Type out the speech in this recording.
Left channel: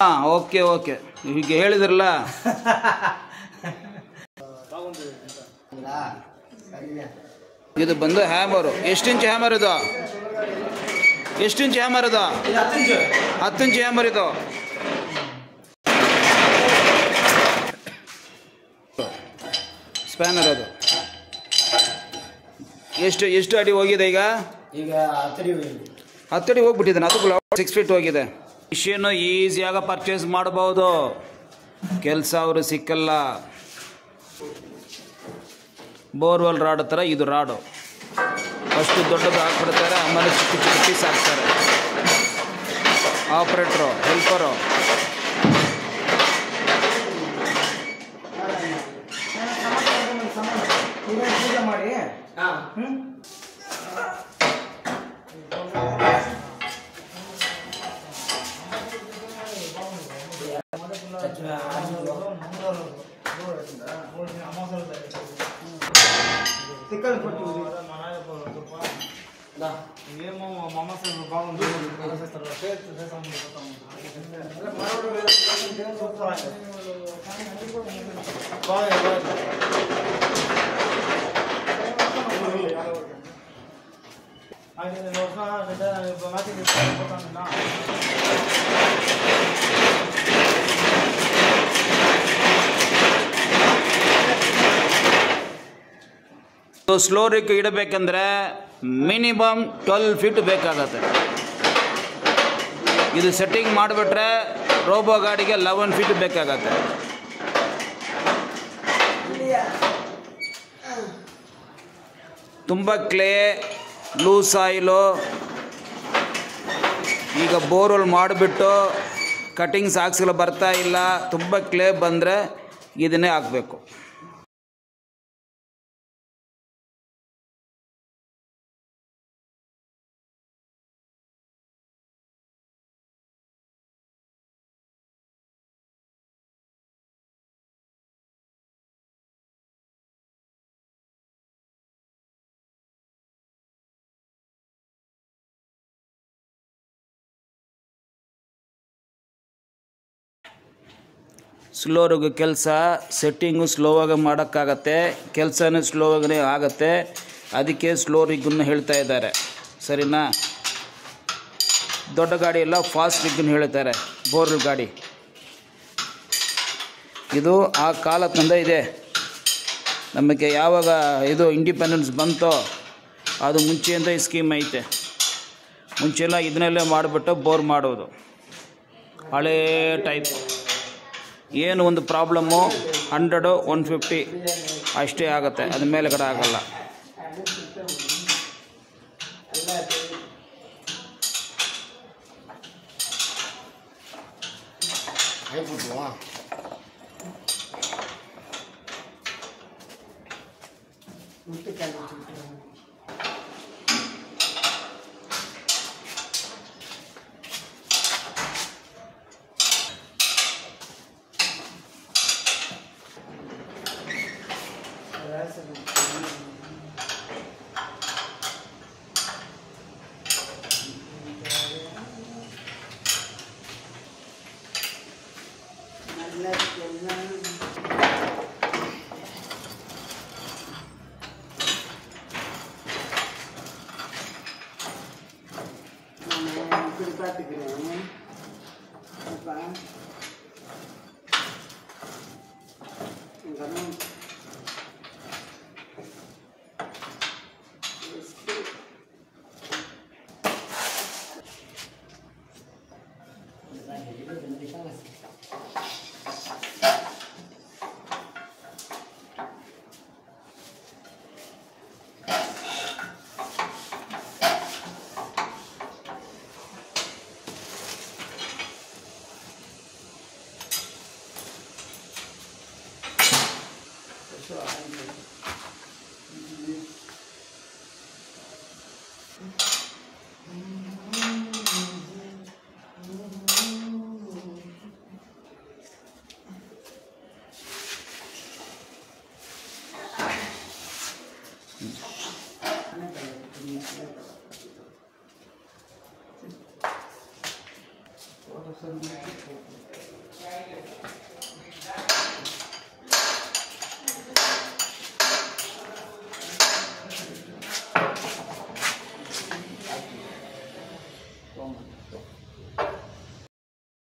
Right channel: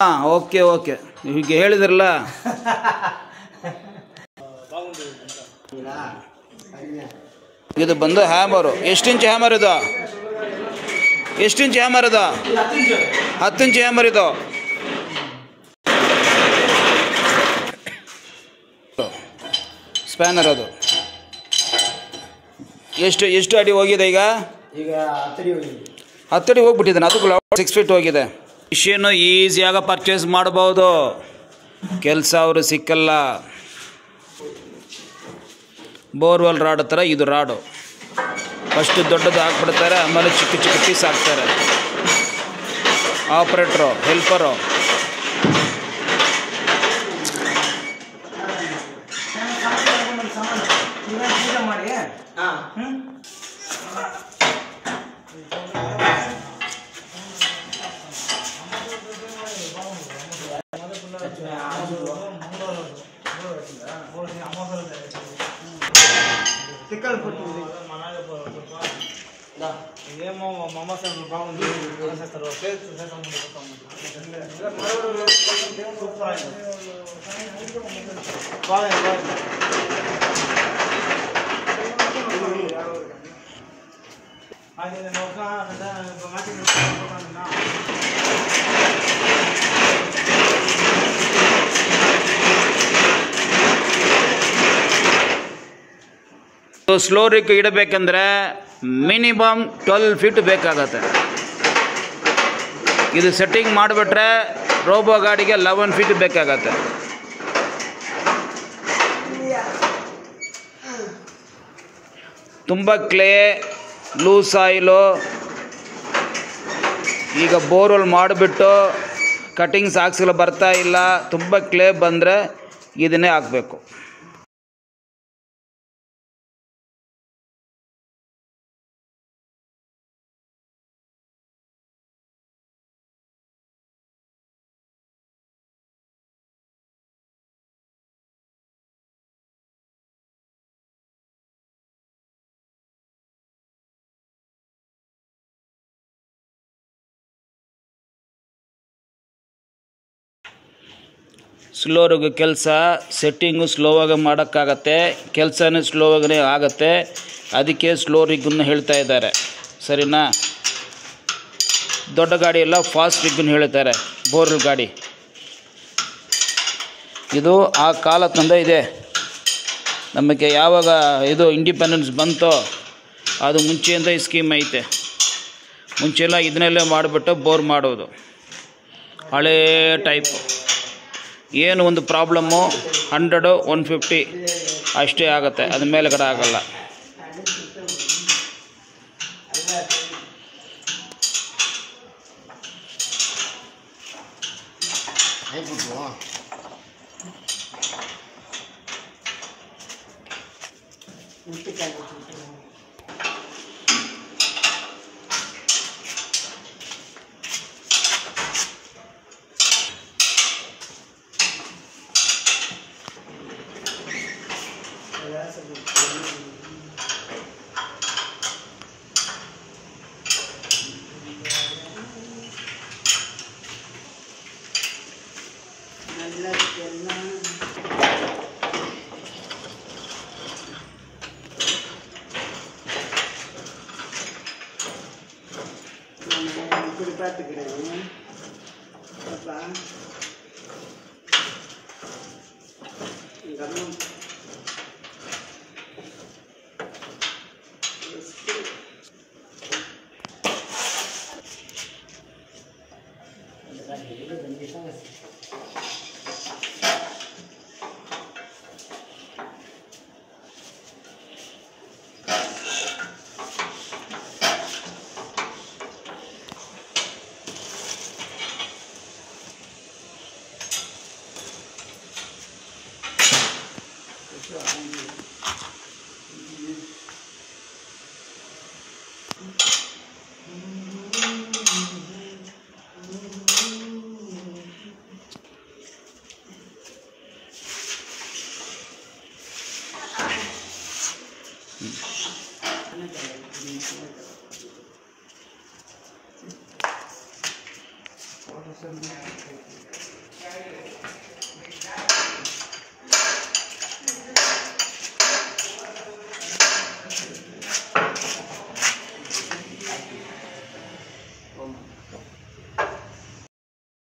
ಹಾಂ, okay okay. ಈಗ ಹೇಳಿದ್ರಲ್ಲ, ಇದು ಬಂದು ಹ್ಯಾಮರು. ಎಷ್ಟು ಇಂಚ್ ಹ್ಯಾಮರ್ ಇದು? ಎಷ್ಟು ಇಂಚ್ ಹ್ಯಾಮರ್ ಇದು? 10 ಇಂಚ್ ಹ್ಯಾಮರ್ ಇದು. ಸ್ಪ್ಯಾನರ್ ಅದು ಎಷ್ಟು ಅಡಿ ಹೋಗಿದೆ ಈಗ? 10 ಅಡಿ ಹೋಗ್ಬಿಟ್ಟಿದ್ದಾನೆ. ಅದಕ್ಕೂ 6 ಫೀಟ್ ಹೋಗಿದೆ. ಮಿಷಿನ್ನು ಈಸಿಯಾಗಿ ಪರ್ಚೇಸ್ ಮಾಡ್ಬೋದು, ಕೆಲಸ ಅವರು ಸಿಕ್ಕಲ್ಲ. ಬೋರ್ವೆಲ್ ರಾಡ್ ಥರ ಇದು ರಾಡು. ಫಸ್ಟ್ ದೊಡ್ಡದು ಹಾಕ್ಬಿಡ್ತಾರೆ, ಆಮೇಲೆ ಚಿಕ್ಕ ಚಿಕ್ಕ ಪೀಸ್ ಹಾಕ್ತಾರೆ. Operator, helper. ಸ್ಲೋ ರಿಕ್ ಇಡಬೇಕಂದ್ರೆ ಮಿನಿಮಮ್ 12 ಫೀಟ್ ಬೇಕಾಗತ್ತೆ. ಇದು ಸೆಟ್ಟಿಂಗ್ ಮಾಡಿಬಿಟ್ರೆ ರೋಬೋ ಗಾಡಿಗೆ 11 ಫೀಟ್ ಬೇಕಾಗತ್ತೆ. ತುಂಬ ಕ್ಲೇ, ಲೂಸ್ ಆಯಿಲು. ಈಗ ಬೋರ್ವೆಲ್ ಮಾಡಿಬಿಟ್ಟು ಕಟಿಂಗ್ಸ್ ಹಾಕ್ಸಲು ಬರ್ತಾ ಇಲ್ಲ, ತುಂಬ ಕ್ಲೇ ಬಂದರೆ ಇದನ್ನೇ ಹಾಕಬೇಕು. ಸ್ಲೋರಿಗೆ ಕೆಲಸ, ಸೆಟ್ಟಿಂಗು ಸ್ಲೋವಾಗಿ ಮಾಡೋಕ್ಕಾಗತ್ತೆ, ಕೆಲಸನೂ ಸ್ಲೋವಾಗೇ ಆಗುತ್ತೆ. ಅದಕ್ಕೆ ಸ್ಲೋ ರಿಗ್ಗನ್ನು ಹೇಳ್ತಾ ಇದ್ದಾರೆ, ಸರಿನಾ? ದೊಡ್ಡ ಗಾಡಿ ಎಲ್ಲ ಫಾಸ್ಟ್ ರಿಗ್ಗನ್ನು ಹೇಳ್ತಾರೆ, ಬೋರ್ವೆಲ್ ಗಾಡಿ. ಇದು ಆ ಕಾಲದಿಂದ ಇದೆ. ನಮಗೆ ಯಾವಾಗ ಇದು ಇಂಡಿಪೆಂಡೆನ್ಸ್ ಬಂತೋ ಅದು ಮುಂಚೆಯಿಂದ ಈ ಸ್ಕೀಮ್ ಐತೆ. ಮುಂಚೆಲ್ಲ ಇದನ್ನೆಲ್ಲ ಮಾಡಿಬಿಟ್ಟು ಬೋರ್ ಮಾಡೋದು, ಹಳೇ ಟೈಪು. ಏನು ಒಂದು ಪ್ರಾಬ್ಲಮ್ಮು 100, 150 ಅಷ್ಟೇ ಆಗುತ್ತೆ, ಅದ ಮೇಲೆಗಡೆ ಆಗಲ್ಲ.